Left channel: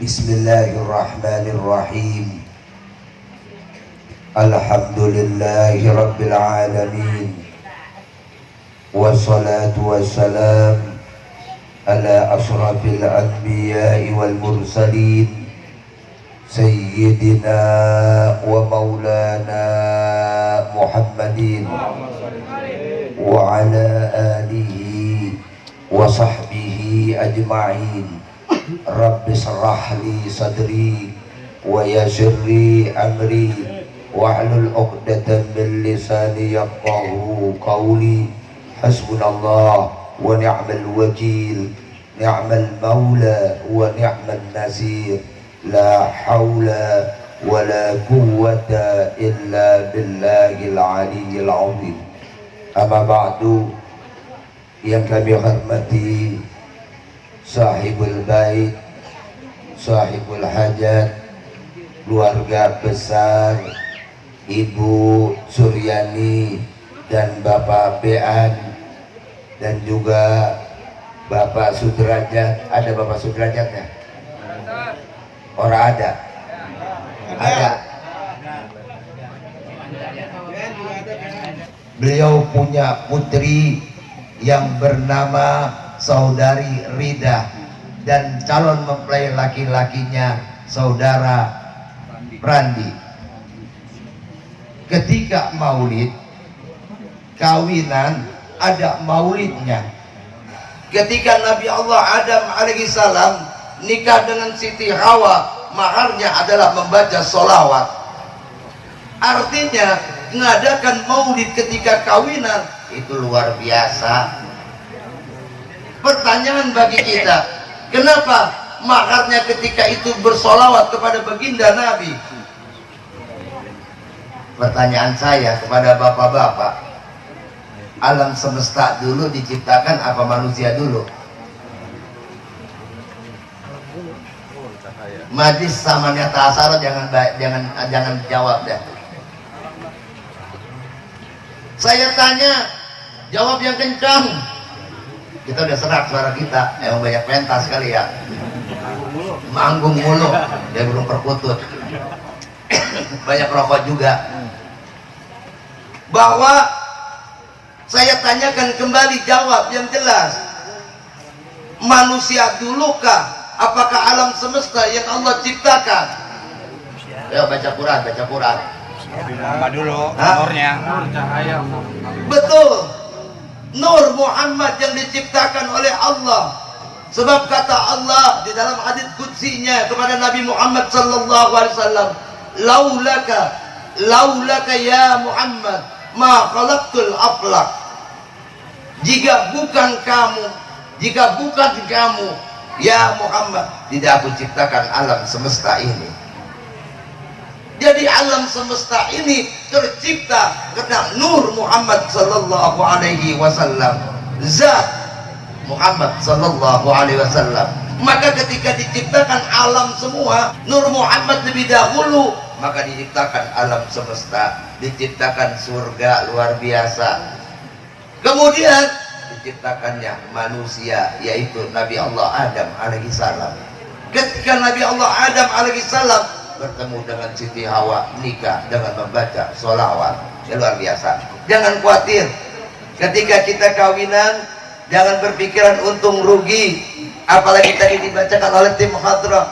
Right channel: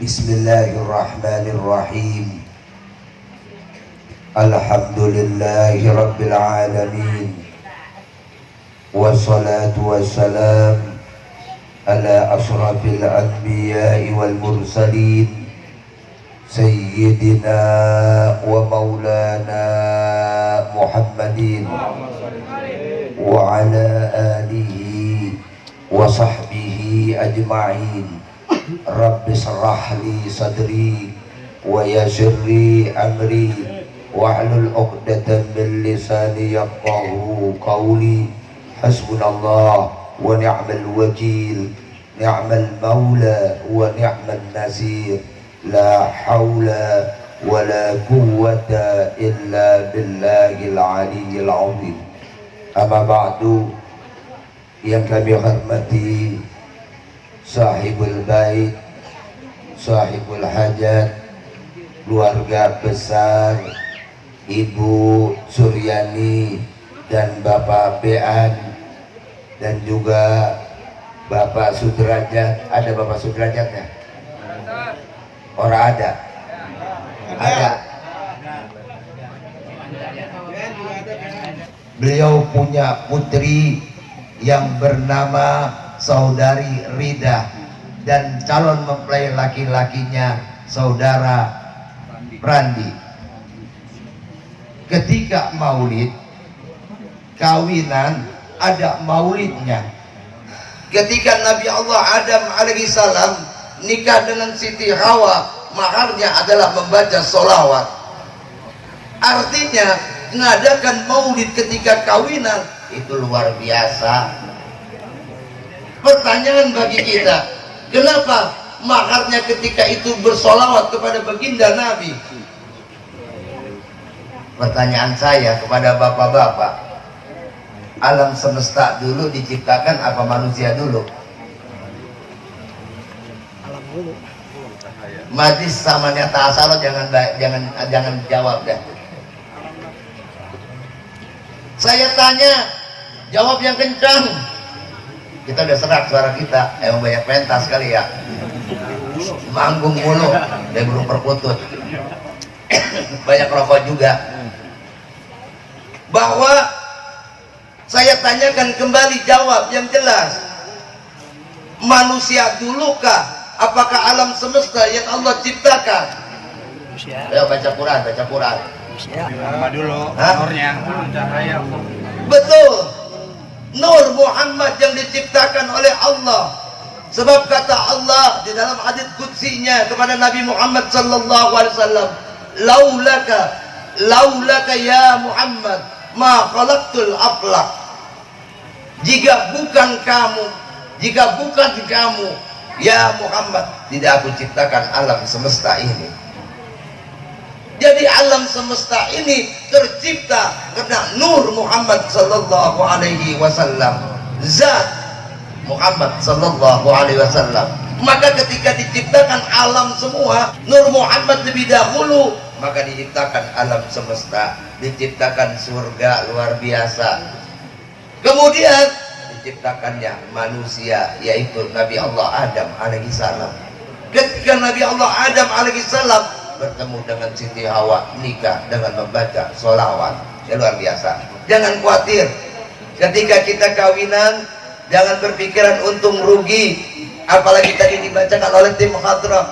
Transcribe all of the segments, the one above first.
Bismillahirrahmanirrahim. Alhamdulillahi rabbil alamin. Wassalatu wassalam ala asrafil anbiya'i wal mursalin Sayyidina wa maulana Muhammadin wa ala alihi wa sahbihi ajma'in. Rabbi shrah li sadri wa yassir li amri wahlul 'uqdatam min lisani yafqahu qawli. Hasbunallah wa ni'mal wakil, ni'mal maula wa ni'mal nasir. La haula wa la quwwata illa billahil aliyyil 'azim. Amma ba'du, yang kami hormati sahibul bait, sahibul hajat, keluarga besar Ibu Suryani dan Bapak Bean, dan juga Bapak Sudrajat. Ada Bapak Sudrajatnya? Orang ada? Ada. Beliau punya putri yang bernama Saudari Rida, dan calon mempelai laki-lakinya Saudara Randi. Ketika maulid, kawinan, ada maulidnya. Ketika Nabi Allah Adam alaihissalam nikah dengan Siti Hawa, maharnya adalah membaca sholawat. Artinya mengadakan maulid ketika kawinan itu luar biasa. Pertanyaan bagi kita, kenapa maharnya ketika itu bersolawat kepada baginda Nabi? Pertanyaan saya kepada bapak-bapak, alam semesta dulu diciptakan apa manusia dulu? Majlis sama nyata asal, jangan jawab dah. Saya tanya, jawab yang kencang. Kita udah serak suara kita, emang banyak pentas kali ya, manggung mulu, dia belum perkutut. Banyak rokok juga. Bahwa saya tanyakan kembali, jawab yang jelas. Manusia dulukah? Apakah alam semesta yang Allah ciptakan? Ayo baca Quran, baca Quran. Dulu, betul. Nur Muhammad yang diciptakan oleh Allah. Sebab kata Allah di dalam hadits qudsinya kepada Nabi Muhammad sallallahu alaihi wasallam, laulaka ya Muhammad ma khalaqtul aflaq. Jika bukan kamu ya Muhammad, tidak aku ciptakan alam semesta ini. Jadi alam semesta ini tercipta karena Nur Muhammad sallallahu alaihi wasallam, zat Muhammad sallallahu alaihi wasallam. Maka ketika diciptakan alam semua, Nur Muhammad lebih dahulu, maka diciptakan alam semesta, diciptakan surga luar biasa. Kemudian diciptakannya manusia, yaitu Nabi Allah Adam alaihissalam. Ketika Nabi Allah Adam alaihissalam bertemu dengan Siti Hawa, nikah dengan membaca sholawat, ya luar biasa. Jangan khawatir ketika kita kawinan, jangan berpikiran untung rugi. Apalagi tadi dibacakan oleh tim hadrah,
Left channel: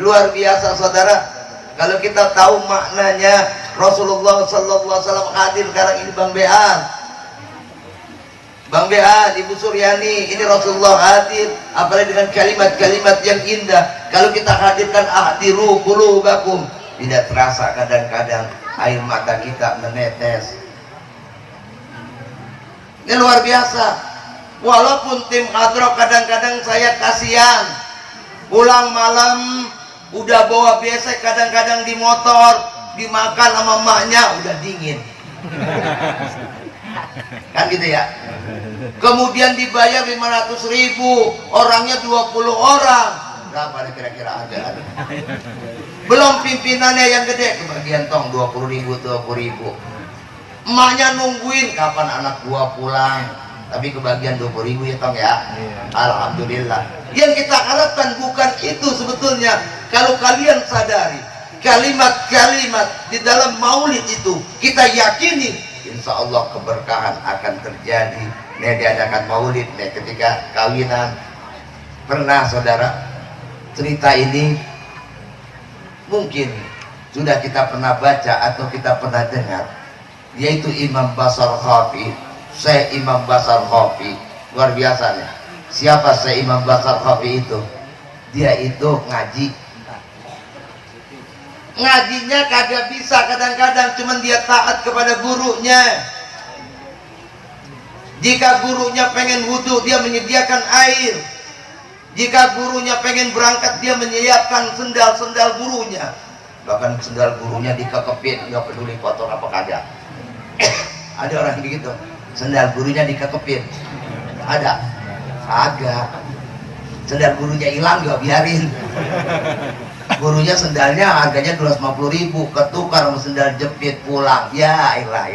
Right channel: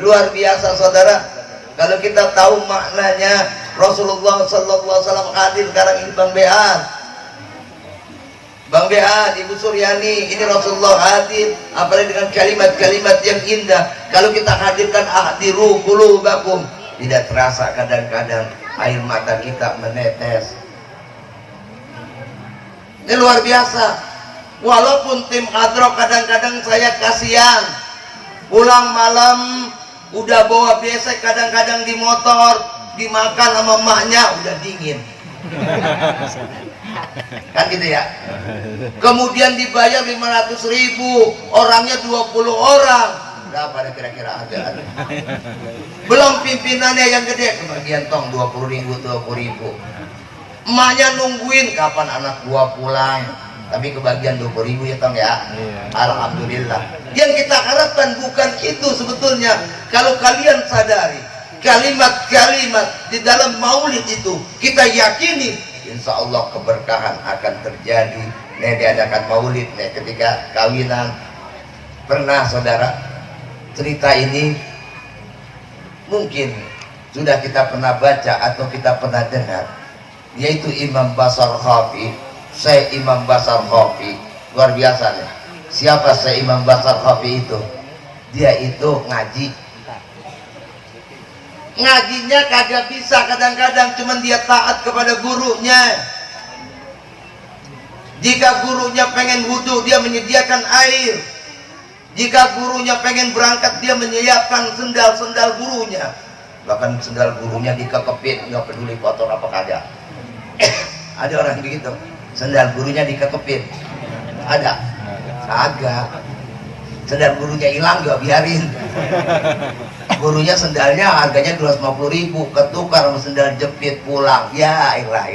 luar biasa saudara. Kalau kita tahu maknanya, Rasulullah sallallahu alaihi wasallam hadir sekarang ini, Bang Bean, Ibu Suryani, ini Rasulullah hadir, apalagi dengan kalimat-kalimat yang indah. Kalau kita hadirkan ahdiru qulubakum, tidak terasa kadang-kadang air mata kita menetes. Ini luar biasa. Walaupun tim hadroh kadang-kadang saya kasihan, pulang malam udah bawa besek, kadang-kadang di motor, dimakan sama emaknya udah dingin. Kan gitu ya. Kemudian dibayar 500.000, orangnya 20 orang. Berapa kira-kira ada? Belum pimpinannya yang gede, kebagian tong 20.000. Emaknya nungguin kapan anak gua pulang. tapi kebagian 20.000 ya Tong ya. Alhamdulillah. Yang kita harapkan bukan itu sebetulnya. Kalau kalian sadari kalimat-kalimat di dalam maulid itu kita yakini, insya Allah keberkahan akan terjadi. Diadakan maulid ketika kawinan. Pernah saudara cerita ini mungkin sudah kita pernah baca atau kita pernah dengar, yaitu Imam Basar Khafi. Syekh Imam Basar Khafi luar biasa nih. Siapa Syekh Imam Basar Khafi itu? Dia itu ngajinya kagak bisa, kadang-kadang cuman dia taat kepada gurunya. Jika gurunya pengen wudhu, dia menyediakan air. Jika gurunya pengen berangkat, dia menyiapkan sendal-sendal gurunya. Bahkan sendal gurunya dikekepin, nggak peduli kotor apa kagak. Ada orang begitu, sendal gurunya dikekepin. Ada? Agak. Sendal gurunya hilang, nggak biarin. Gurunya sendalnya harganya 250.000, ketukar sama sendal jepit pulang. Ya ilah,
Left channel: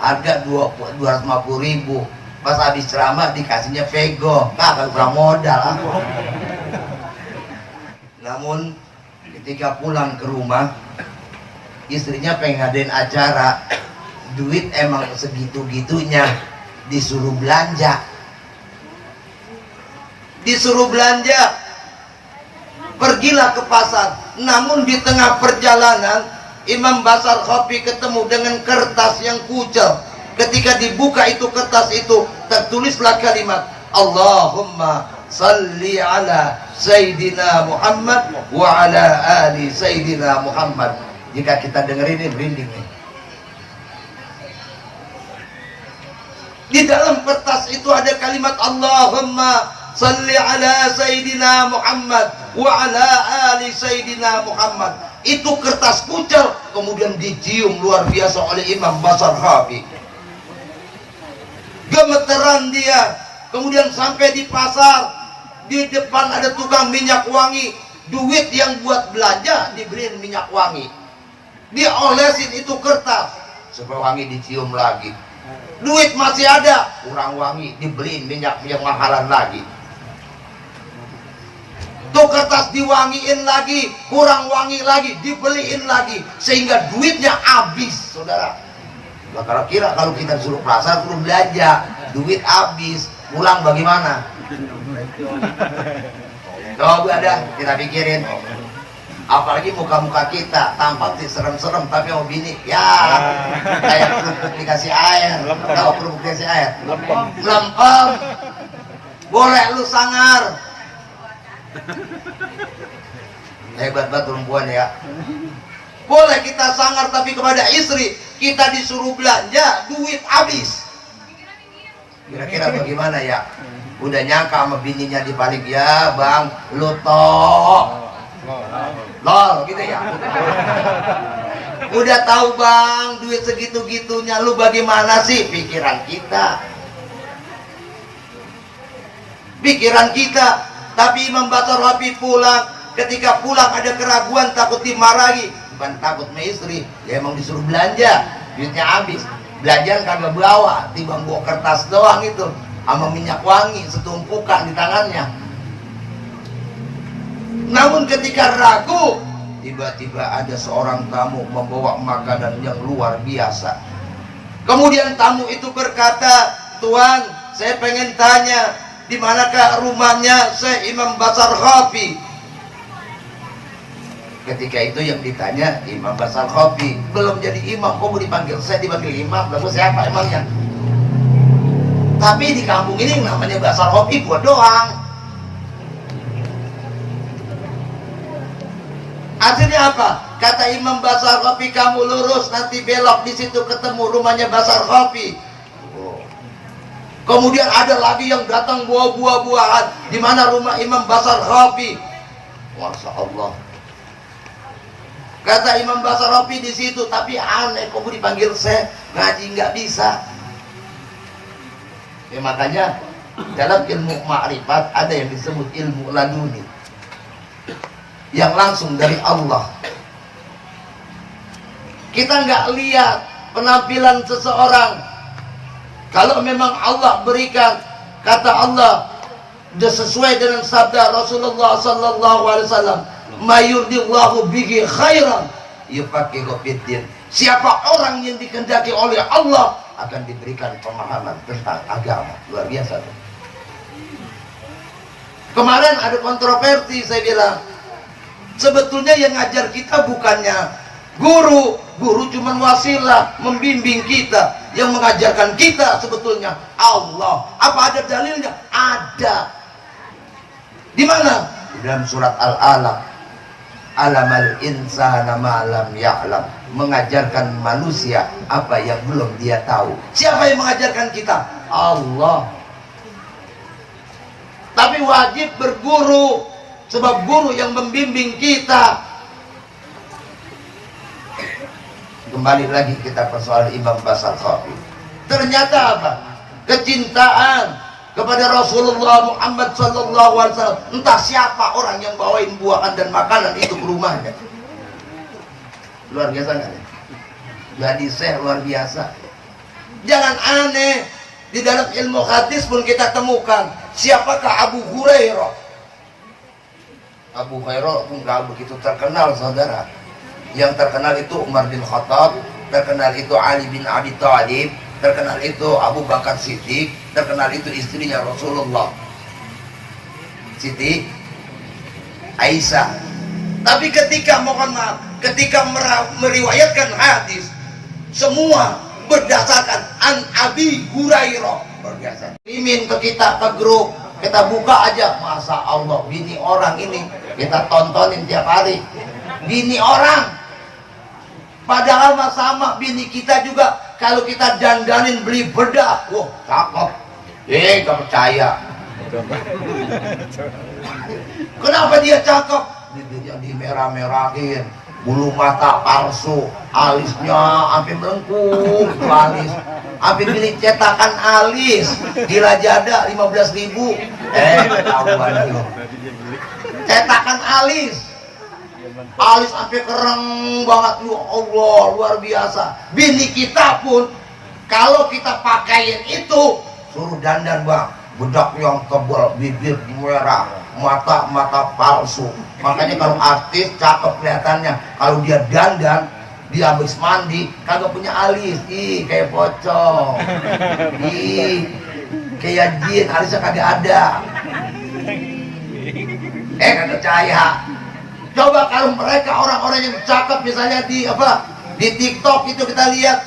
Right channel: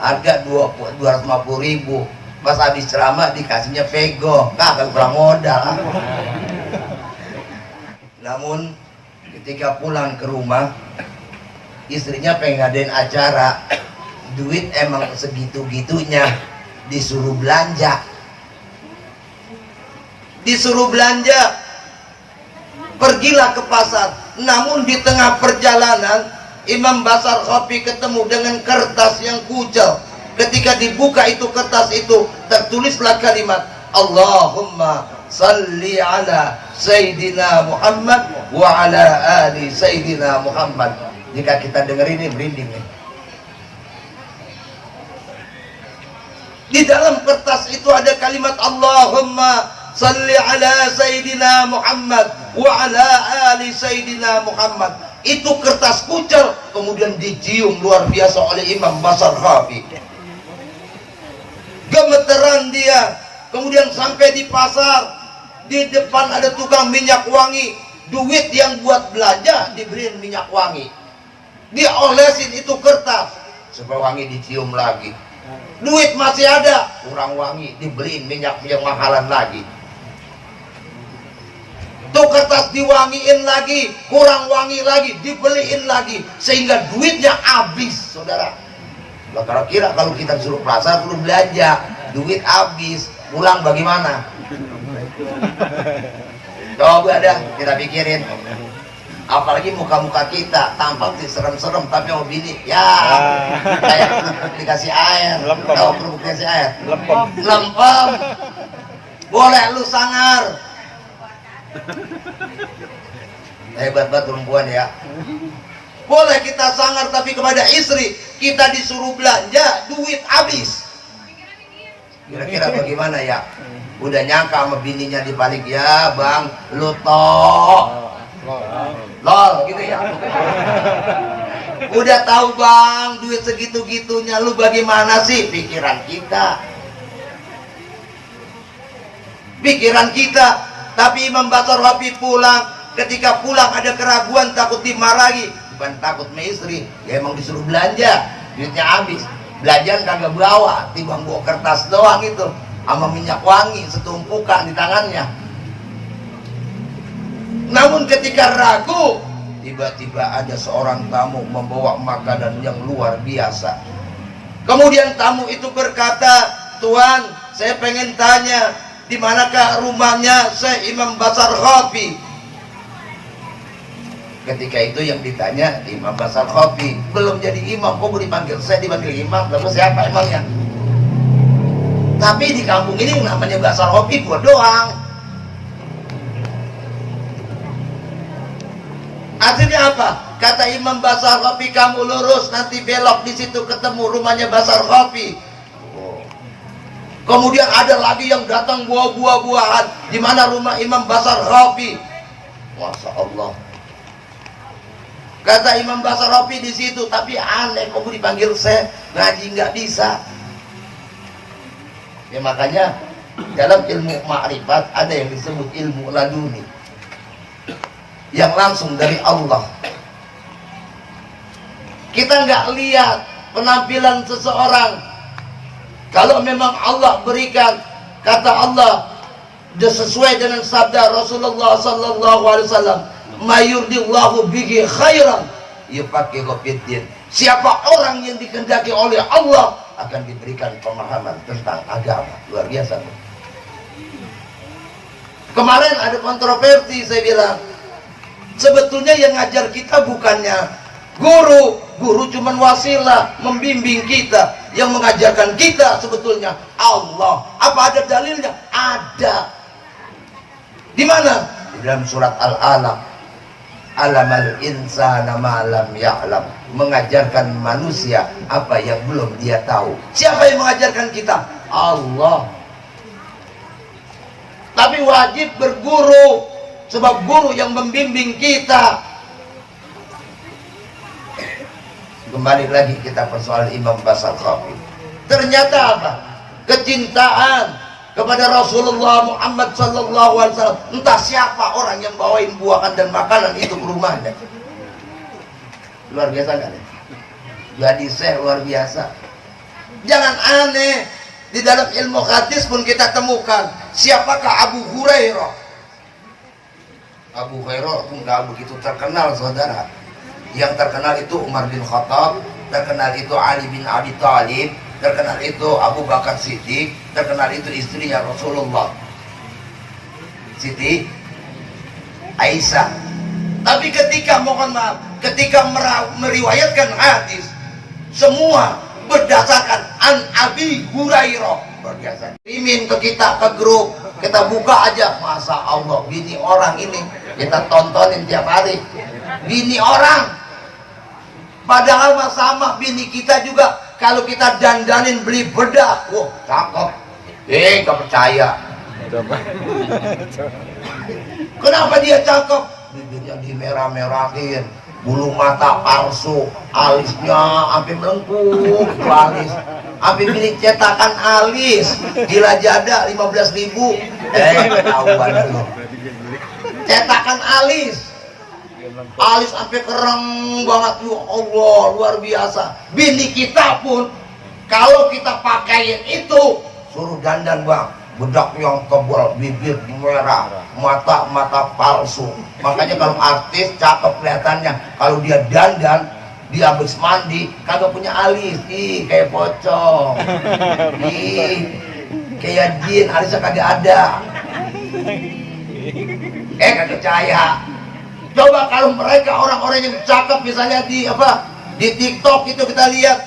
harga 250.000. Pas habis ceramah dikasihnya Vego, kagak kurang modal. Namun ketika pulang ke rumah, istrinya pengen ngadain acara, duit emang segitu-gitunya, disuruh belanja. Pergilah ke pasar. Namun di tengah perjalanan Imam Basar Khafi ketemu dengan kertas yang kucel. Ketika dibuka itu kertas itu, tertulislah kalimat Allahumma salli ala Sayyidina Muhammad wa ala ali Sayyidina Muhammad. Jika kita dengar ini merinding nih. Di dalam kertas itu ada kalimat Allahumma salli ala Sayyidina Muhammad wa ala ali Sayyidina Muhammad. Itu kertas kucel kemudian dicium luar biasa oleh Imam Basar Khafi. Gemeteran dia. Kemudian sampai di pasar, di depan ada tukang minyak wangi. Duit yang buat belanja diberiin minyak wangi. Diolesin itu kertas supaya wangi, dicium lagi. Duit masih ada, kurang wangi, dibeliin minyak yang mahalan lagi. Tuh kertas diwangiin lagi, kurang wangi lagi, dibeliin lagi, sehingga duitnya habis, saudara. Lah kira-kira kalau kita suruh pasar, suruh belanja, duit habis, pulang bagaimana? Coba dah kita pikirin. Apalagi muka-muka kita tampak sih serem-serem, tapi mau bini ya kayak kerupuk dikasih air. Tahu kerupuk dikasih air? Melempem. Boleh lu sangar. Hebat banget perempuan ya. Boleh kita sangar, tapi kepada istri kita disuruh belanja, duit habis. Kira-kira bagaimana ya? Udah nyangka sama bininya di balik, ya bang, lu toh lol gitu ya. Udah tahu bang, duit segitu-gitunya, lu bagaimana sih? Pikiran kita. Tapi Imam Basar Khafi pulang. Ketika pulang ada keraguan, takut dimarahi. Bukan takut sama istri, ya emang disuruh belanja, duitnya habis. Belanjaan kagak bawa, tiba bawa kertas doang itu sama minyak wangi setumpukan di tangannya. Namun ketika ragu, tiba-tiba ada seorang tamu membawa makanan yang luar biasa. Kemudian tamu itu berkata, "Tuan, saya pengen tanya, di manakah rumahnya Syekh Imam Basar Khafi?" Ketika itu yang ditanya Imam Basar Khafi, belum jadi imam, kok mau dipanggil saya, dipanggil imam, lalu siapa emangnya? Tapi di kampung ini yang namanya Basar Khafi gua doang. Akhirnya apa? Kata Imam Basar Khafi, kamu lurus nanti belok, di situ ketemu rumahnya Basar Khafi. Kemudian ada lagi yang datang bawa buah-buahan, di mana rumah Imam Basar Khafi. Masya Allah. Kata Imam Basar Khafi di situ, tapi aneh, kok dipanggil saya, ngaji nggak bisa. Ya makanya dalam ilmu ma'rifat ada yang disebut ilmu laduni, yang langsung dari Allah. Kita nggak lihat penampilan seseorang. Kalau memang Allah berikan, kata Allah sesuai dengan sabda Rasulullah sallallahu alaihi wasallam, mayurdillahu bihi khairan yufaqihu fiddin. Siapa orang yang dikehendaki oleh Allah akan diberikan pemahaman tentang agama. Luar biasa. Kemarin ada kontroversi, saya bilang sebetulnya yang ngajar kita bukannya guru. Guru cuman wasilah membimbing kita. Yang mengajarkan kita sebetulnya Allah. Apa ada dalilnya? Ada. Di mana? Di dalam surat Al-Alaq. Alamal insana ma lam ya'lam. Mengajarkan manusia apa yang belum dia tahu. Siapa yang mengajarkan kita? Allah. Tapi wajib berguru, sebab guru yang membimbing kita. Kembali lagi kita persoalan Imam Basal Khafi. Ternyata apa? Kecintaan kepada Rasulullah Muhammad sallallahu alaihi wasallam. Entah siapa orang yang bawain buahan dan makanan itu ke rumahnya. Luar biasa kan? Jadi saya luar biasa. Jangan aneh. Di dalam ilmu hadis pun kita temukan siapakah Abu Hurairah. Abu Hurairah enggak begitu terkenal, saudara. Yang terkenal itu Umar bin Khattab, terkenal itu Ali bin Abi Thalib, terkenal itu Abu Bakar Siddiq, terkenal itu istrinya Rasulullah, Siti Aisyah. Tapi ketika, mohon maaf, ketika meriwayatkan hadis, semua berdasarkan an Abi Hurairah. Bergeser. Mimin ke kita, ke grup, kita buka aja, masa Allah, bini orang ini kita tontonin tiap hari. Bini orang, padahal mah sama bini kita juga. Kalau kita dandanin beli bedak, wah cakep. Gak percaya. Kenapa dia cakep? Bibirnya dimerah-merahin, bulu mata palsu, alisnya sampai melengkung itu alis. Sampai beli cetakan alis di Lazada 15.000. Ketahuan lu. Cetakan alis. Alis sampai kereng banget, ya Allah, luar biasa. Bini kita pun kalau kita pakaiin itu suruh dandan bang, bedak yang tebal, bibir merah, mata palsu. Makanya kalau artis cakep kelihatannya, kalau dia dandan, dia habis mandi kagak punya alis, ih kayak pocong, ih kayak jin, alisnya kagak ada. Kagak percaya. Coba kalau mereka orang-orang yang cakep misalnya di TikTok itu kita lihat,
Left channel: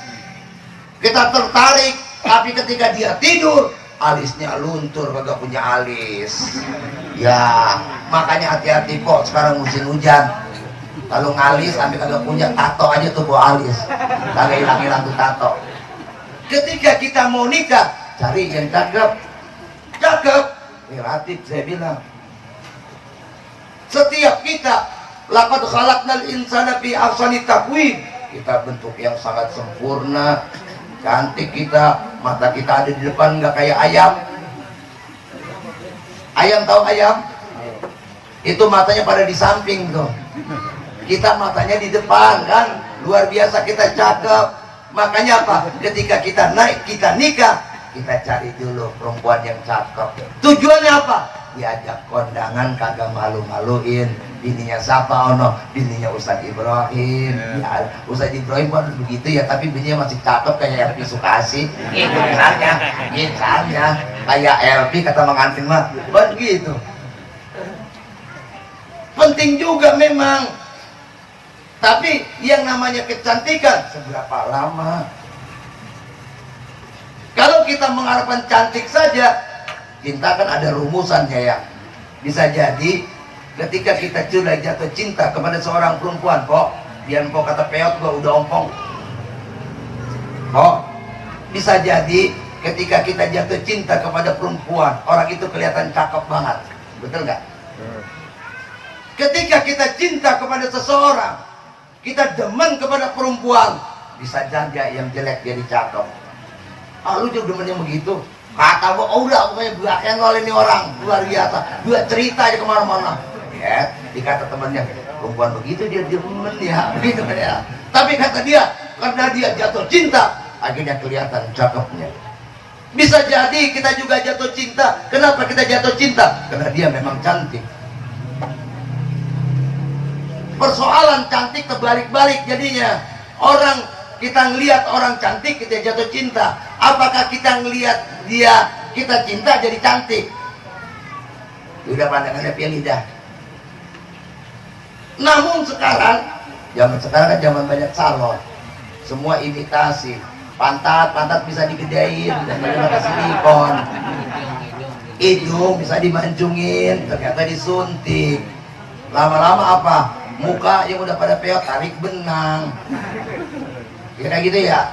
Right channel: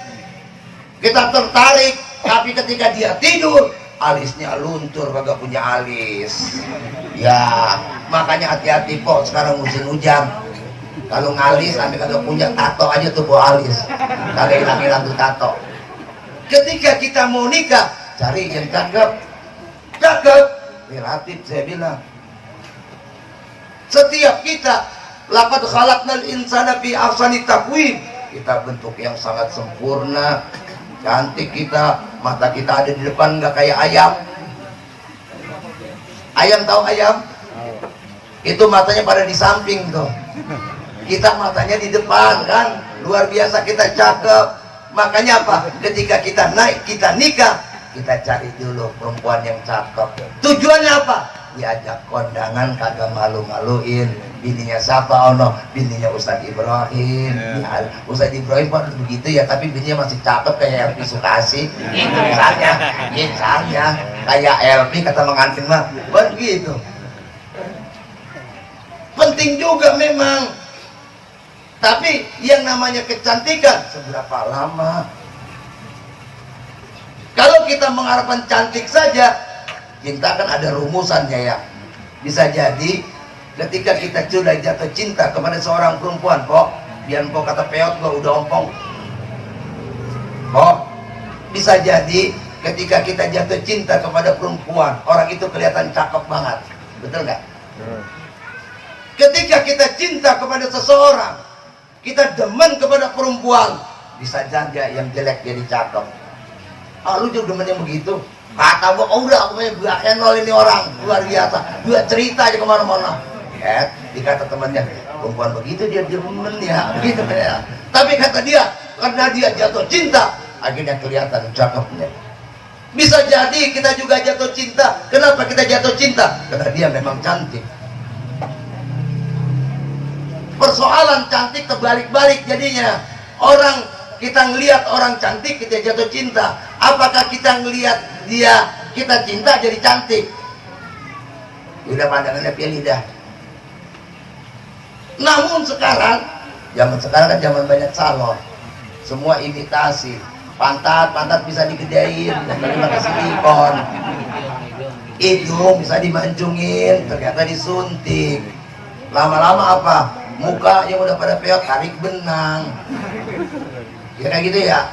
kita tertarik, tapi ketika dia tidur alisnya luntur, kagak punya alis. Ya makanya hati-hati kok sekarang musim hujan. Kalau ngalis sampai kagak punya tato aja tuh bawa alis, kagak hilang-hilang tuh tato. Ketika kita mau nikah, cari yang cakep, relatif saya bilang. Setiap kita, laqad khalaqnal insana fi ahsani taqwim, kita bentuk yang sangat sempurna, cantik kita, mata kita ada di depan nggak kayak ayam. Ayam tahu ayam? Itu matanya pada di samping tuh. Kita matanya di depan kan, luar biasa kita cakep. Makanya apa? Ketika kita naik, kita nikah, kita cari dulu perempuan yang cakep. Tujuannya apa? Diajak kondangan kagak malu-maluin. Bininya siapa? Ono bininya Ustadz Ibrahim. Ya, Ustadz Ibrahim kan begitu ya, tapi bininya masih cakep kayak Elvi Sukasi. Itu misalnya kayak Elvi kata mengantin mah begitu. Penting juga memang. Tapi yang namanya kecantikan seberapa lama? Kalau kita mengharapkan cantik saja, cinta kan ada rumusannya ya. Bisa jadi ketika kita sudah jatuh cinta kepada seorang perempuan, kok biar kok kata peot gua udah ompong. Kok bisa jadi ketika kita jatuh cinta kepada perempuan, orang itu kelihatan cakep banget. Betul nggak? Ketika kita cinta kepada seseorang, kita demen kepada perempuan, bisa jadi yang jelek jadi cakep. Ah, lu juga demen yang begitu? Kata gua, oh udah, pokoknya gua kenal ini orang luar biasa, gua cerita aja kemana-mana. Ya, dikata temannya, perempuan begitu dia demen ya, begitu ya. Tapi kata dia, karena dia jatuh cinta, akhirnya kelihatan cakepnya. Bisa jadi kita juga jatuh cinta. Kenapa kita jatuh cinta? Karena dia memang cantik. Persoalan cantik terbalik-balik jadinya. Orang kita ngelihat orang cantik kita jatuh cinta. Apakah kita ngelihat dia kita cinta jadi cantik? Udah pandangannya pilih dah. Namun sekarang, zaman sekarang kan zaman banyak salon. Semua imitasi. Pantat bisa digedein, dan pakai silikon. Hidung bisa dimancungin, ternyata disuntik. Lama-lama apa? Muka yang udah pada peot tarik benang. Ya kayak gitu ya.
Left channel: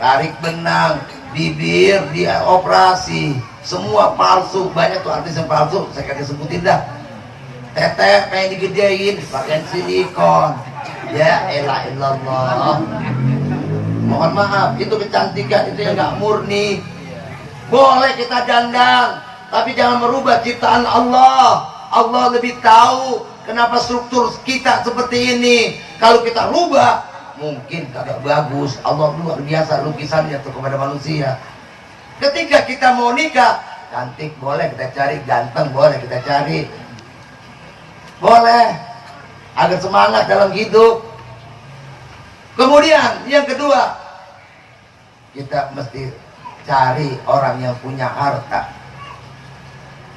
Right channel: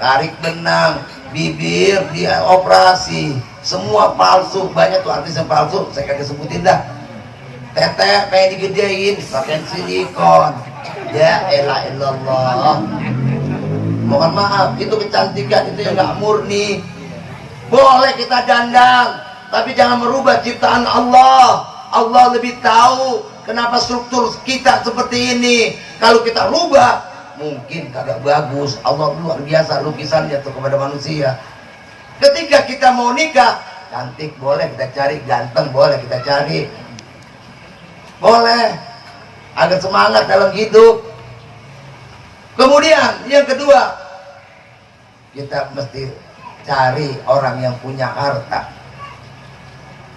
Tarik benang, bibir dia operasi. Semua palsu, banyak tuh artis yang palsu, saya kagak sebutin dah. Tete kayak digedein, pakai silikon. Ya elah illallah. Mohon maaf, itu kecantikan itu yang nggak murni. Boleh kita dandang, tapi jangan merubah ciptaan Allah. Allah lebih tahu kenapa struktur kita seperti ini. Kalau kita rubah, mungkin kagak bagus. Allah luar biasa lukisannya tuh kepada manusia. Ketika kita mau nikah, cantik boleh kita cari, ganteng boleh kita cari, boleh agar semangat dalam hidup. Kemudian yang kedua, kita mesti cari orang yang punya harta.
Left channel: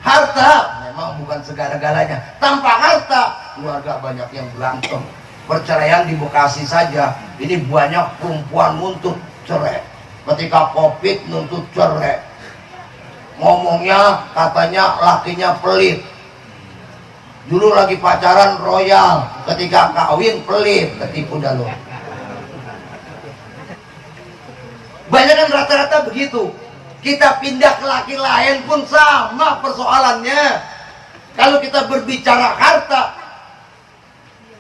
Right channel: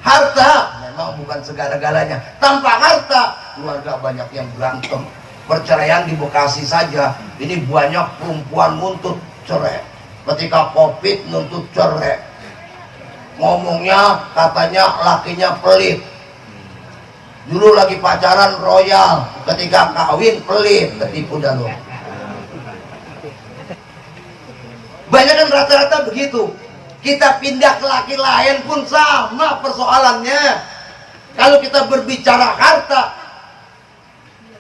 Harta memang bukan segala-galanya. Tanpa harta, keluarga banyak yang berantem. Perceraian di Bekasi saja, ini banyak perempuan nuntut cerai. Ketika Covid nuntut cerai. Ngomongnya katanya lakinya pelit. Dulu lagi pacaran royal, ketika kawin pelit, ketipu dah lo. Banyak kan rata-rata begitu. Kita pindah ke laki lain pun sama persoalannya. Kalau kita berbicara harta,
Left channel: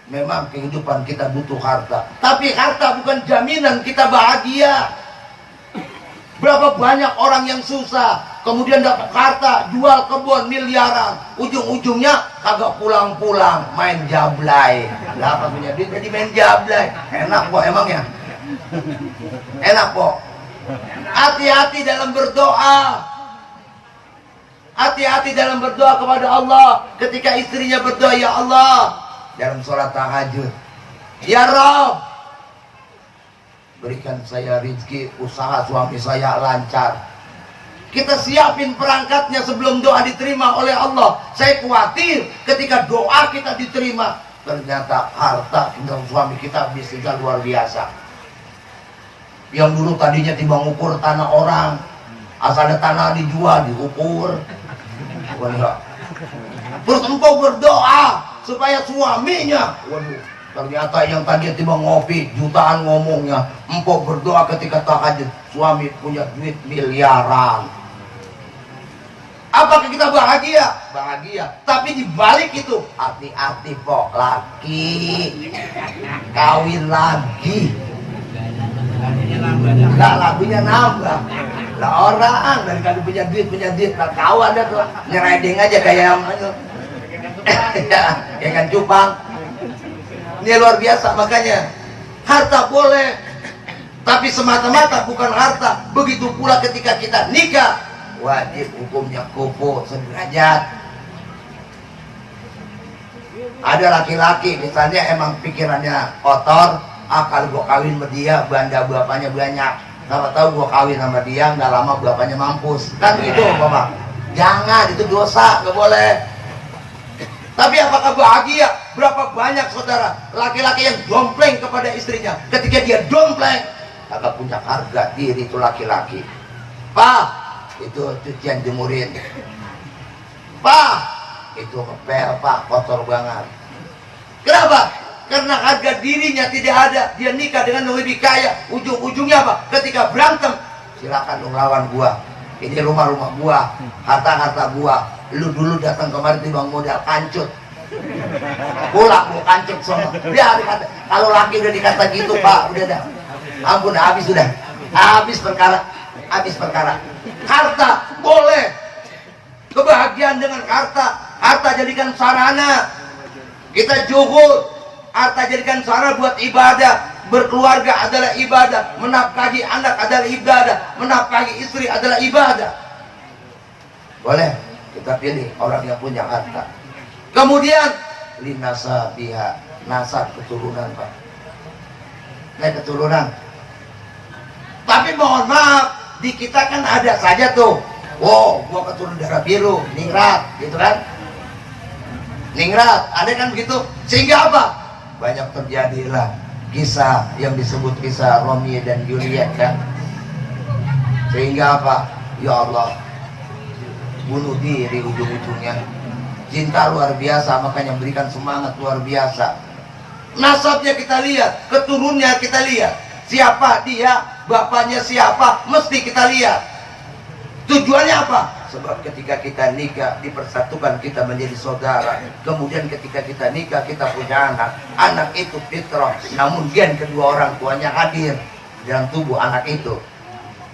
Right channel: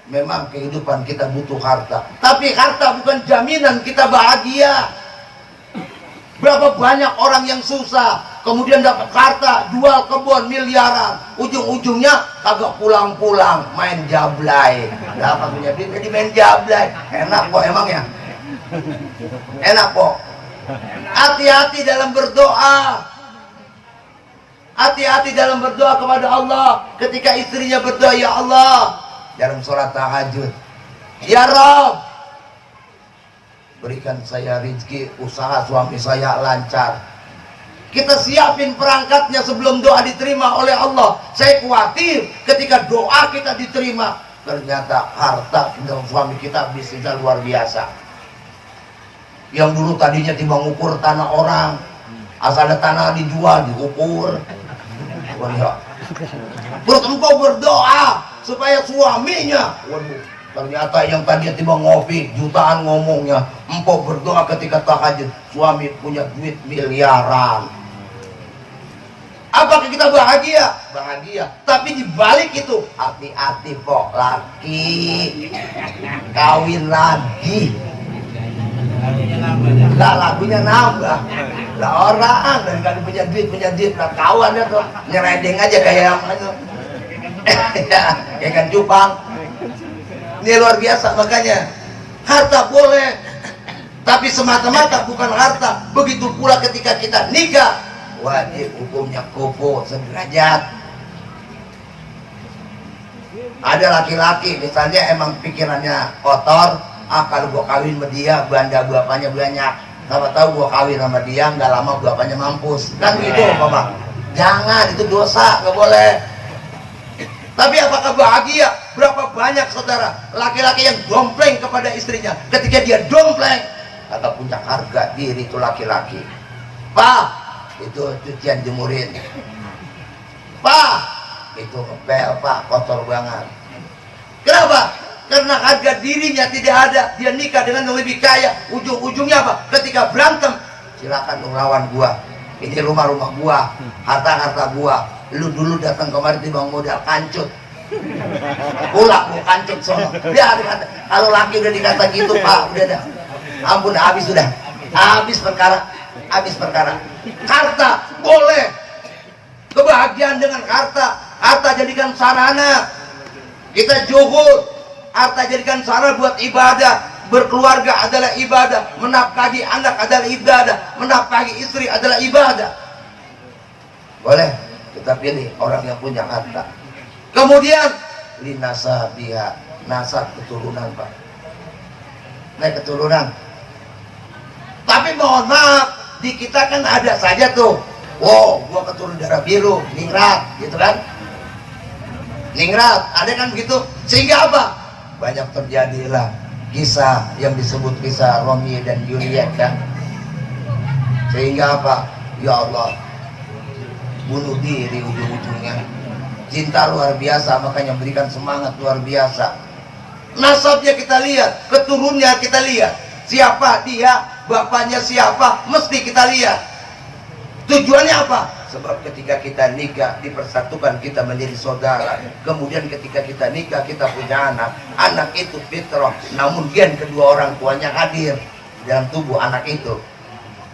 memang kehidupan kita butuh harta. Tapi harta bukan jaminan kita bahagia. Berapa banyak orang yang susah, kemudian dapat harta, jual kebun miliaran, ujung-ujungnya kagak pulang-pulang, main jablay. Dapat punya duit jadi main jablay. Enak kok emang ya? Enak kok. Hati-hati dalam berdoa. Hati-hati dalam berdoa kepada Allah. Ketika istrinya berdoa, ya Allah, dalam sholat tahajud, ya Rabb, berikan saya rezeki, usaha suami saya lancar. Kita siapin perangkatnya sebelum doa diterima oleh Allah. Saya khawatir ketika doa kita diterima, ternyata harta dan suami kita bisnisnya luar biasa. Yang dulu tadinya timbang ukur tanah orang, asal ada tanah dijual, diukur. Terus engkau berdoa supaya suaminya, waduh, ternyata yang tadinya timbang ngopi jutaan ngomongnya, engkau berdoa ketika tahajud, suami punya duit miliaran. Apakah kita bahagia? Bahagia. Tapi dibalik itu, hati-hati kok, laki kawin lagi. Lah lagunya nambah. Lah orang dari kali punya duit, lah kawan dah tuh nyeredeng aja kayak yang ya kan cupang. Ini luar biasa. Makanya harta boleh, tapi semata-mata bukan harta. Begitu pula ketika kita nikah, wajib hukumnya kufu sederajat. Ada laki-laki misalnya emang pikirannya kotor, kalau gua kawin sama dia banda bapaknya banyak, sama tahu gua kawin sama dia nggak lama bapaknya mampus, kan gitu bapak. Jangan, itu dosa, nggak boleh. Tapi apakah bahagia? Berapa banyak saudara laki-laki yang dompleng kepada istrinya, ketika dia dompleng agak punya harga diri itu laki-laki. Pak, itu cucian jemurin. Pak, itu ngepel pak, kotor banget. Kenapa? Karena harga dirinya tidak ada. Dia nikah dengan yang lebih kaya. Ujung-ujungnya apa? Ketika berantem, silakan dong lawan gua. Ini rumah-rumah gua, harta-harta gua. Lu dulu datang kemarin timbang modal kancut, pulang gua kancut sono. Dia dikata, kalau laki udah dikata gitu pak, udah dah, ampun, habis sudah, habis perkara, habis perkara. Harta boleh, kebahagiaan dengan harta. Harta jadikan sarana kita juhud, harta jadikan sarana buat ibadah. berkeluarga adalah ibadah, menafkahi anak adalah ibadah, menafkahi istri adalah ibadah. Boleh kita pilih orang yang punya harta. Kemudian linasabiha, nasab keturunan Pak, naik keturunan. Tapi mohon maaf, di kita kan ada saja tuh, wow, gua keturunan darah biru, ningrat, gitu kan? Ningrat, ada kan begitu? Sehingga apa? Banyak terjadilah kisah yang disebut kisah Romeo dan Juliet kan? Sehingga apa? Ya Allah, bunuh diri ujung-ujungnya. Cinta luar biasa, makanya memberikan semangat luar biasa. Nasabnya kita lihat, keturunannya kita lihat. Siapa dia, bapaknya siapa, mesti kita lihat. Tujuannya apa? Sebab ketika kita nikah, dipersatukan kita menjadi saudara. Kemudian ketika kita nikah, kita punya anak. Anak itu fitrah, namun gen kedua orang tuanya hadir dalam tubuh anak itu.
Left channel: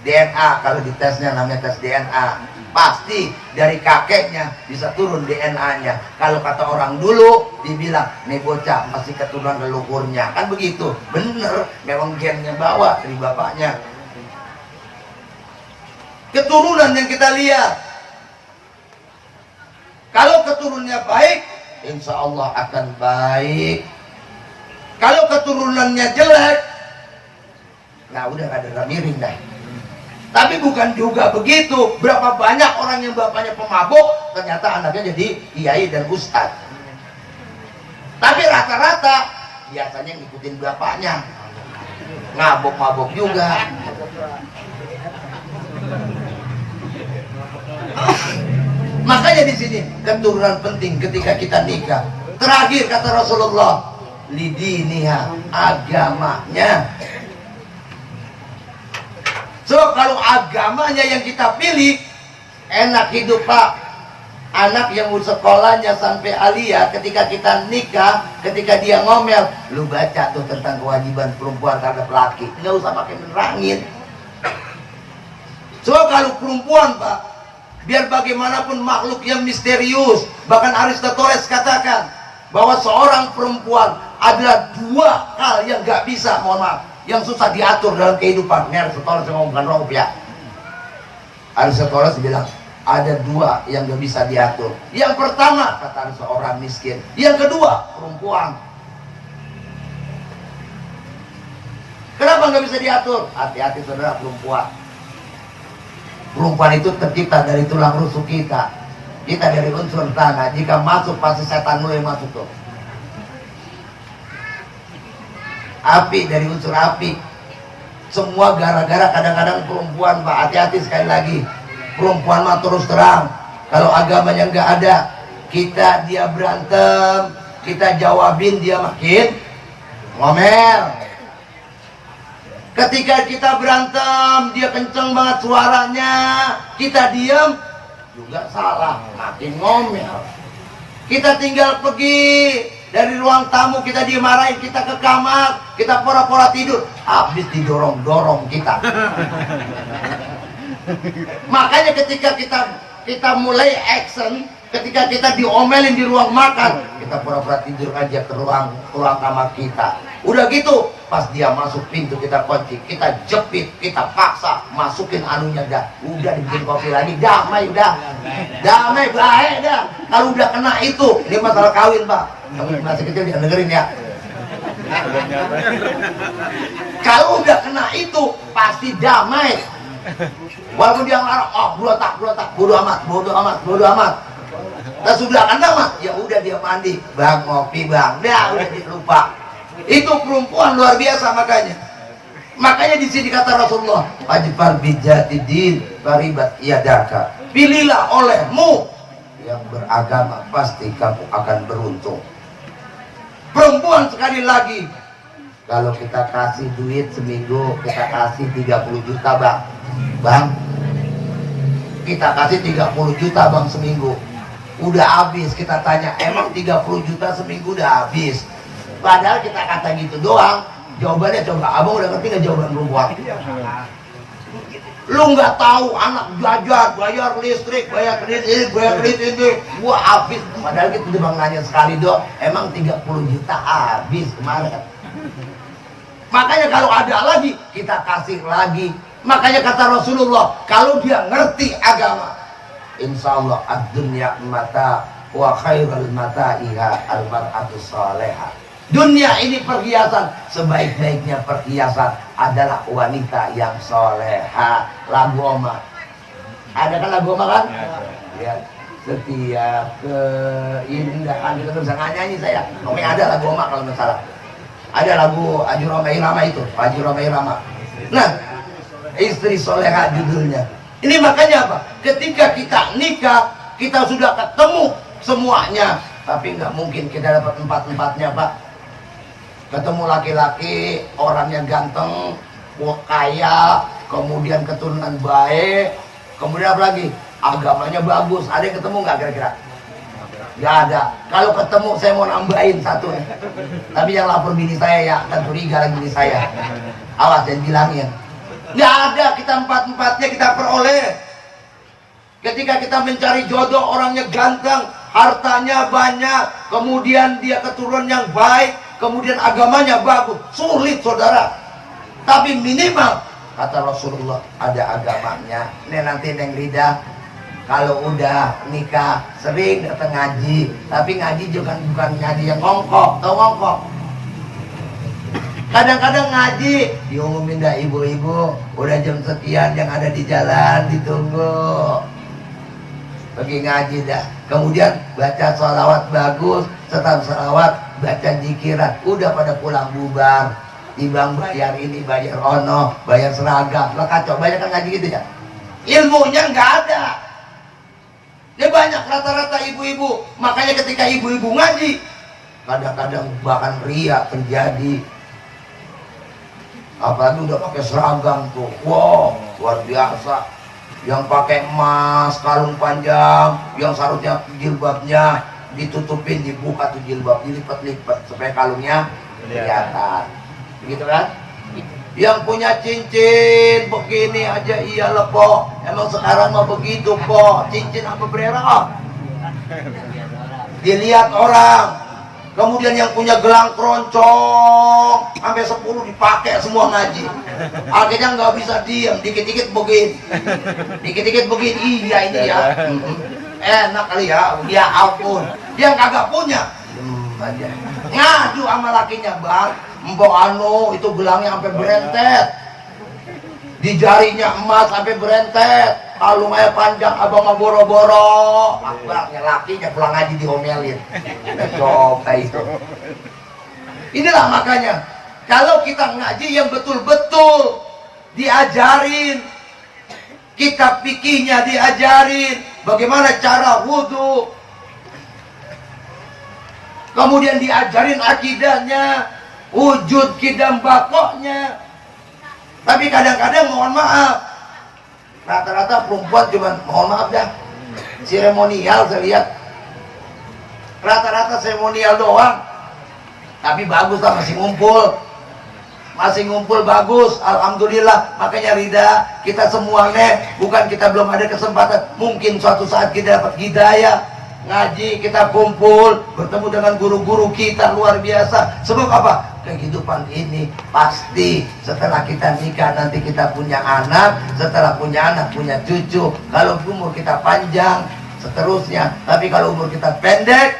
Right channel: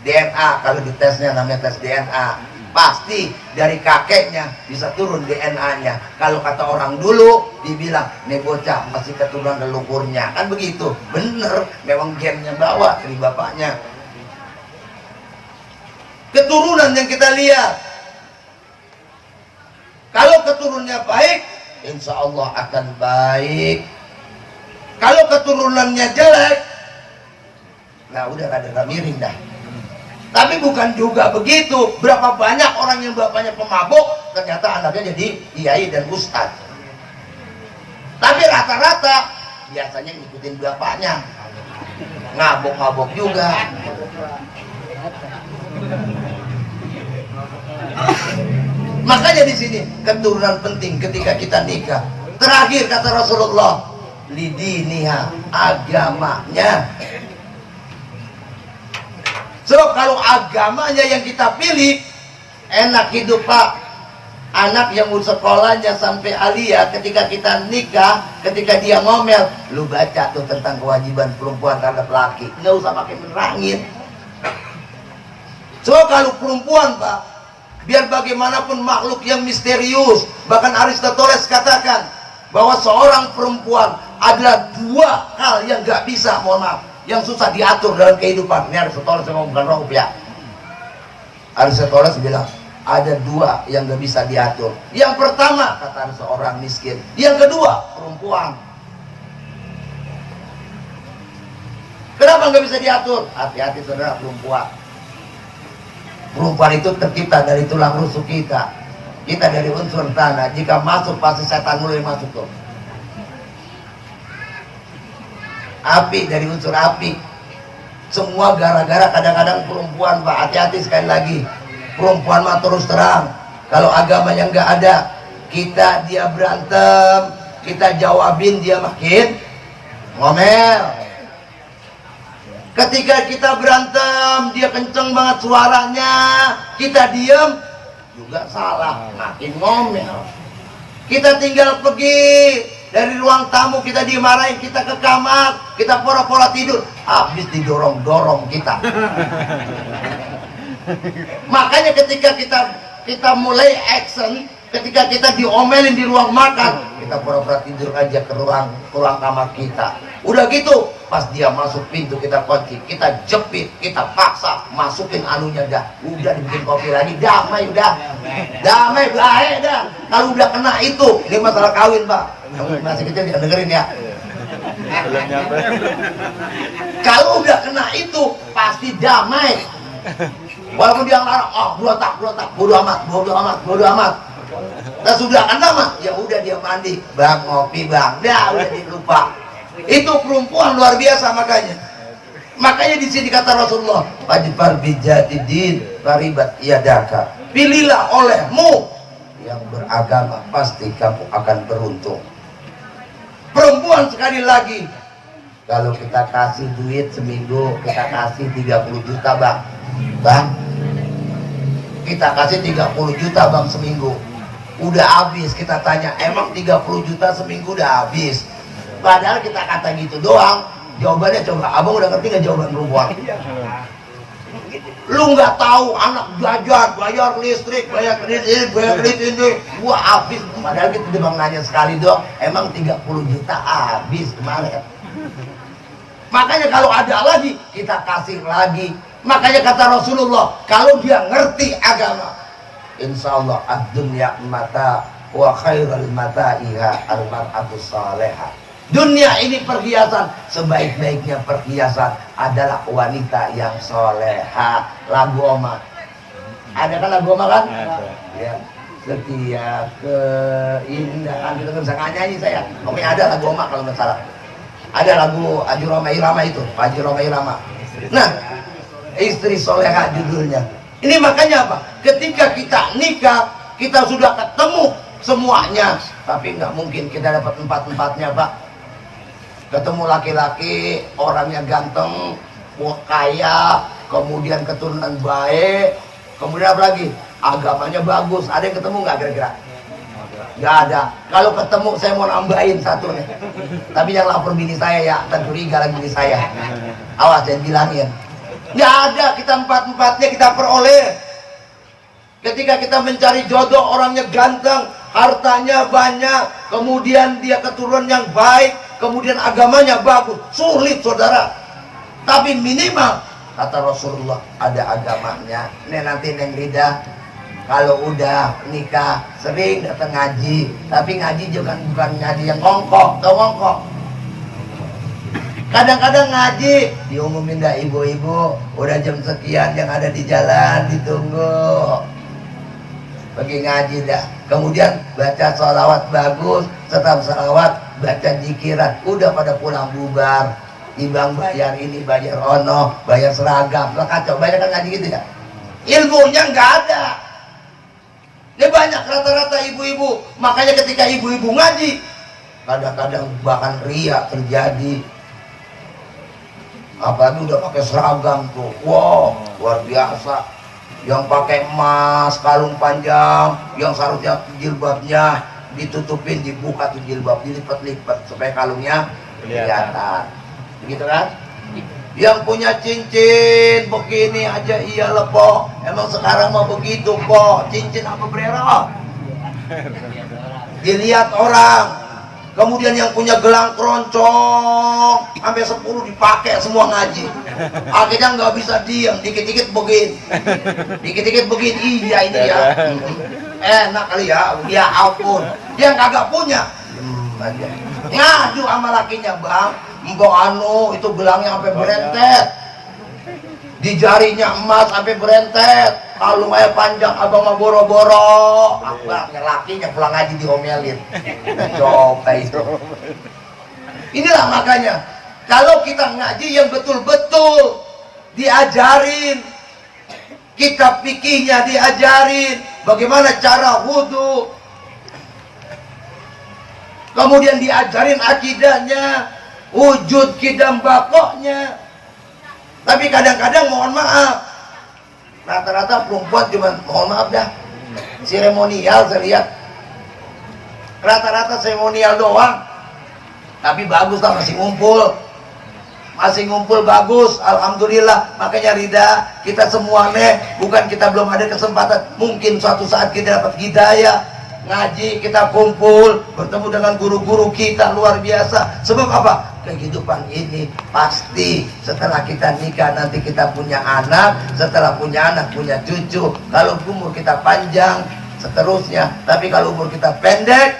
DNA, kalau ditesnya namanya tes DNA. Pasti dari kakeknya bisa turun DNA-nya. Kalau kata orang dulu, dibilang, nih bocah masih keturunan leluhurnya. Kan begitu. Bener, memang gennya bawa dari bapaknya. Keturunan yang kita lihat, kalau keturunannya baik, insya Allah akan baik. Kalau keturunannya jelek, nah udah ada miring dah. Tapi bukan juga begitu. Berapa banyak orang yang bapaknya pemabuk, ternyata anaknya jadi kiai dan ustadz. Tapi rata-rata biasanya ngikutin bapaknya, ngabuk-ngabuk juga. Makanya di sini keturunan penting ketika kita nikah. Terakhir kata Rasulullah, lidiniha, agamanya. So kalau agamanya yang kita pilih, enak hidup Pak. Anak yang sekolahnya sampai aliyah, ketika kita nikah, ketika dia ngomel, lu baca tuh tentang kewajiban perempuan terhadap laki, nggak usah pakai menerangin. So kalau perempuan Pak, biar bagaimanapun makhluk yang misterius, bahkan Aristoteles katakan bahwa seorang perempuan adalah dua hal yang nggak bisa, mohon maaf, yang susah diatur dalam kehidupan. Ini Aristoteles yang ngomongkan roh ya. Aristoteles bilang ada dua yang nggak bisa diatur. Yang pertama kata seorang miskin, yang kedua perempuan. Kenapa nggak bisa diatur? Hati-hati saudara, perempuan. Perempuan itu tercipta dari tulang rusuk kita. Kita dari unsur tanah. Jika masuk pasti setan mulai masuk tuh. Api dari unsur api. Semua gara-gara kadang-kadang perempuan Pak. Hati-hati sekali lagi. Perempuan mah terus terang. Kalau agamanya nggak ada, kita dia berantem, kita jawabin dia makin ngomel. Ketika kita berantem, dia kenceng banget suaranya, kita diem, juga salah, makin ngomel. Kita tinggal pergi dari ruang tamu, kita dimarahin, kita ke kamar, kita pura-pura tidur, habis didorong-dorong kita. Makanya ketika kita mulai action, ketika kita diomelin di ruang makan, kita pura-pura tidur aja ke ruang kamar kita. Udah gitu, pas dia masuk pintu kita kunci, kita jepit, kita paksa, masukin anunya dah. Udah dibikin kopi lagi, damai udah. Damai baik dah. Kalau udah kena itu, ini masalah kawin Pak. Kamu masih kecil jangan dengerin ya. Kalau udah kena itu, pasti damai. Walaupun dia ngelarang, oh berotak, bodo amat. Dan sudah kena mah, ya udah dia mandi, bang ngopi bang, dah udah dilupa. Itu perempuan luar biasa makanya di sini kata Rasulullah, fajfar bijatidin faribat yadaka, pilihlah olehmu yang beragama, pasti kamu akan beruntung. Perempuan sekali lagi, kalau kita kasih duit seminggu, kita kasih 30 juta bang, kita kasih 30 juta bang seminggu, udah habis. Kita tanya, emang 30 juta seminggu udah habis? Padahal kita kata gitu doang. Jawabannya coba, abang udah ngerti nggak jawaban perempuan? Lu nggak tahu anak jajan, bayar listrik, bayar kredit ini, gua habis. Padahal kita bang nanya sekali dong, emang 30 juta habis kemarin? Makanya kalau ada lagi kita kasih lagi. Makanya kata Rasulullah, kalau dia ngerti agama, insya Allah ad-dunya mata wa khairul mata'iha al-mar'atus salihah. Dunia ini perhiasan, sebaik-baiknya perhiasan adalah wanita yang soleha. Lagu Oma, ada kan lagu Oma kan? Ya, setiap keindahan, kita bisa nyanyi saya. Pokoknya ada lagu Oma kalau nggak salah. Ada lagu Haji Roma Irama itu, Haji Roma Irama. Nah, istri soleha judulnya. Ini makanya apa? Ketika kita nikah, kita sudah ketemu semuanya, tapi nggak mungkin kita dapat empat-empatnya, Pak. Ketemu laki-laki, orangnya ganteng, kaya, kemudian keturunan baik, kemudian apa lagi? Agamanya bagus. Ada yang ketemu nggak kira-kira? Nggak ada. Kalau ketemu saya mau nambahin satu nih. Tapi yang lapor bini saya ya, akan curiga lagi bini saya. Awas jangan bilangin. Nggak ada, kita empat-empatnya kita peroleh. Ketika kita mencari jodoh, orangnya ganteng, hartanya banyak, kemudian dia keturunan yang baik, kemudian agamanya bagus, sulit saudara. Tapi minimal kata Rasulullah ada agamanya. Nih nanti Neng Rida kalau udah nikah sering datang ngaji, tapi ngaji juga bukan ngaji yang ngongkok, tau ngongkok. Kadang-kadang ngaji diumumin dah, ibu-ibu udah jam sekian yang ada di jalan ditunggu. Pergi ngaji dah. Kemudian baca sholawat bagus, setelah sholawat baca jikiran, udah pada pulang bubar. Timbang bayar ini, bayar ono, bayar seragam, lah kacau. Banyak kan ngaji gitu ya. Ilmunya nggak ada. Ini banyak rata-rata ibu-ibu. Makanya ketika ibu-ibu ngaji, kadang-kadang bahkan ria terjadi. Apalagi udah pakai seragam tuh, wow, luar biasa. Yang pakai emas, kalung panjang, yang seharusnya jilbabnya ditutupin, dibuka tuh jilbab, dilipat-lipat supaya kalungnya kelihatan, gitu kan? Yang punya cincin begini aja, iya po. Emang sekarang mah begitu po, cincin apa bererot? Dilihat orang. Kemudian yang punya gelang keroncong sampai 10 dipakai semua ngaji. Akhirnya nggak bisa diam, dikit-dikit begini, dikit-dikit begini. Iya ini ya, enak kali ya. Ya ampun, dia kagak punya, aja ngadu sama lakinya, bang, mbok anu itu gelangnya sampai berentet, di jarinya emas sampai berentet, kalungnya panjang, abang mah boro-boro. Akbarnya lakinya pulang ngaji diomelin. Coba itu. Inilah makanya kalau kita ngaji yang betul-betul diajarin, kitab fikihnya diajarin, bagaimana cara wudhu, kemudian diajarin akidahnya, wujud kidam bakoknya. Tapi kadang-kadang mohon maaf, rata-rata perempuan cuma mohon maaf dah seremonial. Saya lihat rata-rata seremonial doang, tapi bagus lah, masih ngumpul bagus, alhamdulillah. Makanya Rida, kita semua bukan kita belum ada kesempatan, mungkin suatu saat kita dapat hidayah ngaji, kita kumpul bertemu dengan guru-guru kita luar biasa. Sebab apa? Kehidupan ini pasti setelah kita nikah nanti kita punya anak, setelah punya anak punya cucu. Kalau umur kita panjang seterusnya, tapi kalau umur kita pendek,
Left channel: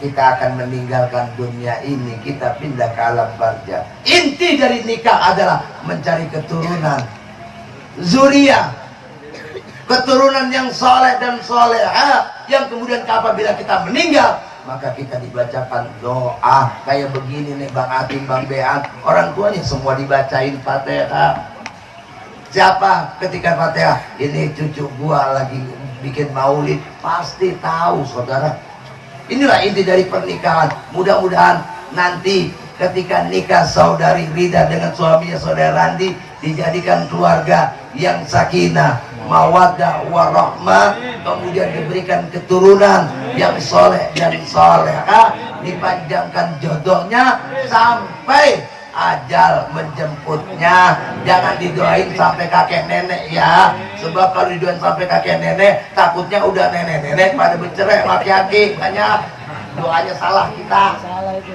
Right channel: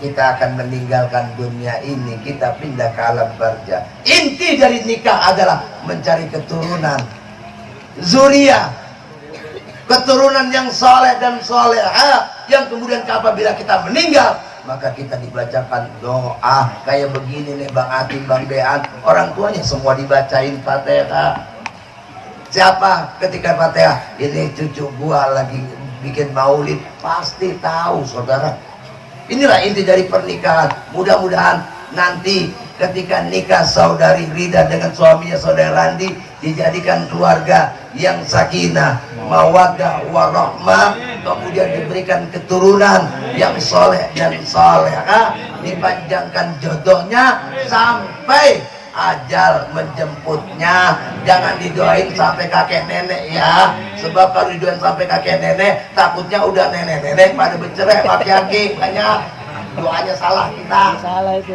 kita akan meninggalkan dunia ini, kita pindah ke alam barza. Inti dari nikah adalah mencari keturunan, zuriyah, keturunan yang soleh dan soleha, yang kemudian apabila kita meninggal maka kita dibacakan doa kayak begini nih, Bang Atim, Bang Bean, orang tuanya semua dibacain Fatihah. Siapa ketika Fatihah ini cucu gua lagi bikin maulid, pasti tahu saudara. Inilah inti dari pernikahan. Mudah-mudahan nanti ketika nikah saudari Rida dengan suaminya saudara Randi dijadikan keluarga yang sakinah, mawaddah, warahmah, kemudian diberikan keturunan yang soleh dan soleha, dipanjangkan jodohnya sampai ajal menjemputnya. Jangan didoain sampai kakek nenek ya, sebab kalau didoain sampai kakek nenek takutnya udah nenek-nenek pada bercerai, laki-laki banyak. doanya salah kita.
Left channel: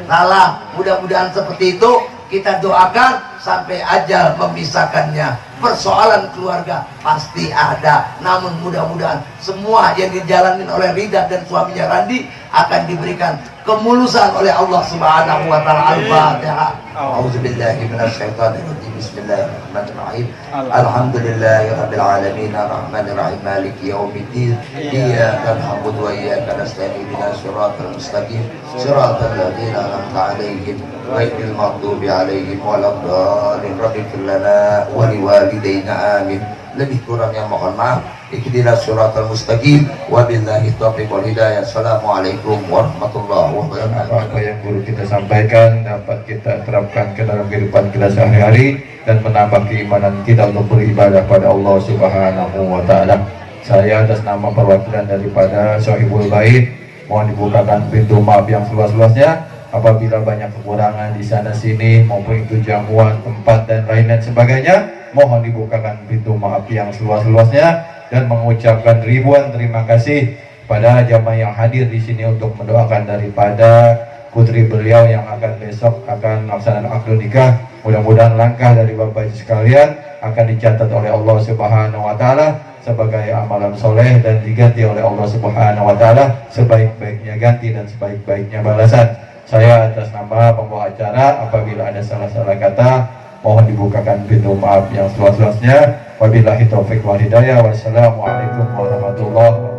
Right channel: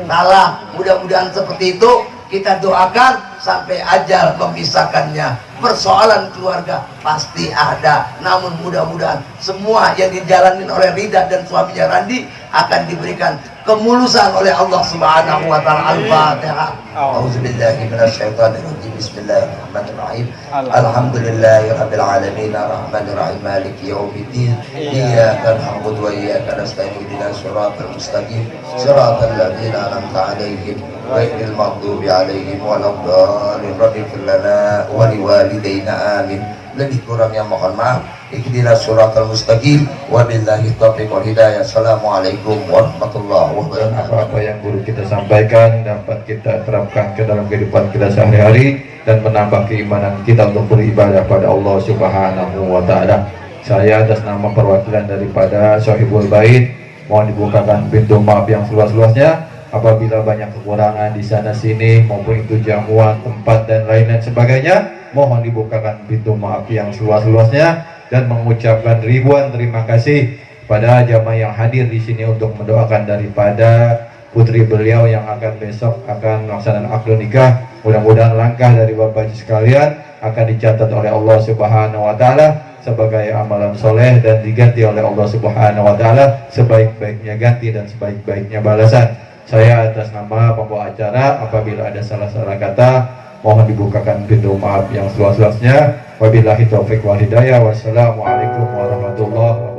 Salah. Mudah-mudahan seperti itu. Kita doakan sampai ajal memisahkannya. Persoalan keluarga pasti ada, namun mudah-mudahan semua yang dijalanin oleh Rida dan suaminya Randi akan diberikan kemulusan oleh Allah Subhanahu wa taala. Al-Fatihah. A'udzubillahi minasyaitonirrajim. Bismillahirrahmanirrahim. Alhamdulillahirabbil alamin arrahmanir rahim maliki yaumiddin. Iyyaka na'budu wa iyyaka nasta'in ihdinas siratal mustaqim siratal ladzina an'amta 'alaihim ghairil maghdubi 'alaihim waladdallin. Rabbana lana wa liwalidayna amin. Lebih kurangnya mohon maaf. Ihdinas siratal mustaqim wabillahi taufiq wal hidayah. Assalamualaikum warahmatullahi wabarakatuh. Apa yang guru kita sampaikan dapat kita terapkan ke dalam kehidupan kita sehari-hari dan menambah keimanan kita untuk beribadah pada Allah Subhanahu wa taala. Saya atas nama perwakilan daripada Sohibul Bait mohon dibukakan pintu maaf yang seluas-luasnya. Apabila banyak kekurangan di sana sini maupun itu jamuan, tempat dan lain-lain sebagainya, mohon dibukakan pintu maaf yang seluas-luasnya dan mengucapkan ribuan terima kasih pada jamaah yang hadir di sini untuk mendoakan daripada putri beliau yang akan besok akan melaksanakan akad nikah. Mudah-mudahan langkah dari Bapak sekalian akan dicatat oleh Allah Subhanahu wa taala sebagai amalan soleh dan diganti oleh Allah Subhanahu wa taala sebaik-baiknya ganti dan sebaik-baiknya balasan. Saya atas nama pembawa acara apabila ada salah-salah kata mohon dibukakan pintu maaf yang seluas-luasnya. Wabillahi taufiq wal hidayah. Wassalamualaikum warahmatullahi wabarakatuh.